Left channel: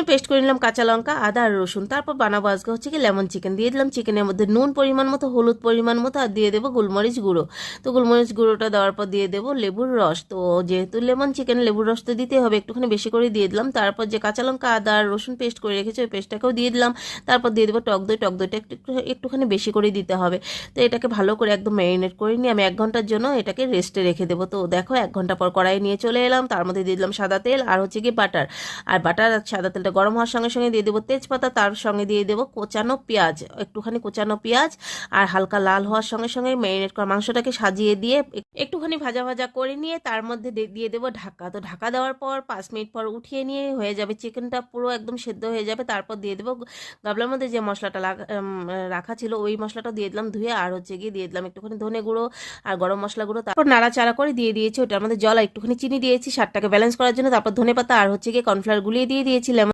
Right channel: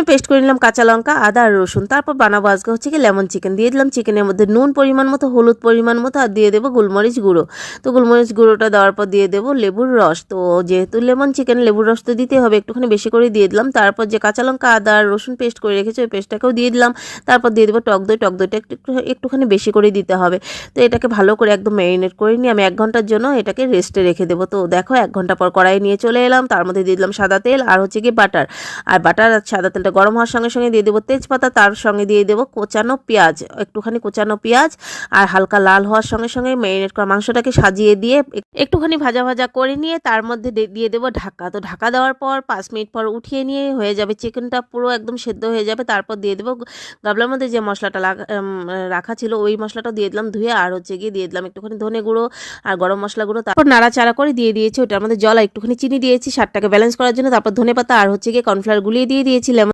প্রথমে পেস্ট করে নিলাম কাঁচা লঙ্কা, আদা আর রসুন। তারপর বানাবো আজকে হচ্ছে কি লেমন চিকেন। দিয়ে দিলাম চিকেনের মধ্যে নুন পরিমাণ মতো, হলুদ পরিমাণ মতো, আর দিয়ে দেবো গোলমরিচ গুঁড়ো। তো গোলমরিচ গুঁড়োটা দেওয়ার পর দিয়ে দেবো লেবুর রস। তো যেহেতু লেমন চিকেন, লেবুর রস তো দিতে হবে, একটুখানি বেশি করে দিয়ে দিলাম। তারপর যে কাঁচা লঙ্কা, আদা আর রসুন পেস্ট করে রেখেছি ওই পেস্টটাকেও দিয়ে দিলাম। তারপর দিয়ে দেবো টক দই। টক দইটা একটুখানি বেশি করে দিতে হবে। তো এটাকে ভালো করে একদম ম্যারিনেট করে নিয়ে আমি 1 ঘন্টার জন্য এটাকে রেস্টে রেখে দেবো। তো দেখো 1 ঘন্টা পর কড়াই নিয়ে চলে এলাম, তার মধ্যে দিয়ে দিলাম সাদা তেল আর হচ্ছে কি বাটার। আর বাটার আর সাদা তেলটা গরম হওয়ার সঙ্গে সঙ্গে দিয়ে দেবো তেজপাতা, তার সঙ্গে দিয়ে দেবো কোচানো পেঁয়াজ, একটুখানি কোচানো পেঁয়াজ। আর হালকা লাল হওয়ার সঙ্গে সঙ্গে ম্যারিনেট করা মাংসটাকে সাজিয়ে দিয়ে একটুখানি ভাজা ভাজা করে নিয়ে তার মধ্যে দিয়ে দেবো ঢাকা। তো ঢাকা দেওয়ার পর 5 মিনিট পর উঠিয়ে নিয়ে হয়ে যাবে, চিকেনটা পুরো একদম সেদ্ধ হয়ে যাবে। তারপর দিয়ে দেবো গামলার মধ্যে যে মশলাটা রাখা ছিল ওই মশলাটা দিয়ে দিলাম ধুয়ে, আর হচ্ছে গিয়ে দিয়ে দিলাম একটুখানি ধনে গুঁড়ো আর গরম মশলা গুঁড়ো। তারপর নাড়াচাড়া করে দিয়ে দিয়েছি ওটার মধ্যে জল, একটুখানি চিনি দিয়েছি স্বাদটাকে ব্যালেন্স করার জন্য। তারপর ধনে পাতা আর হচ্ছে গিয়ে কর্নফ্লাওয়ার গুলিয়ে দিয়ে দিয়েছিলাম।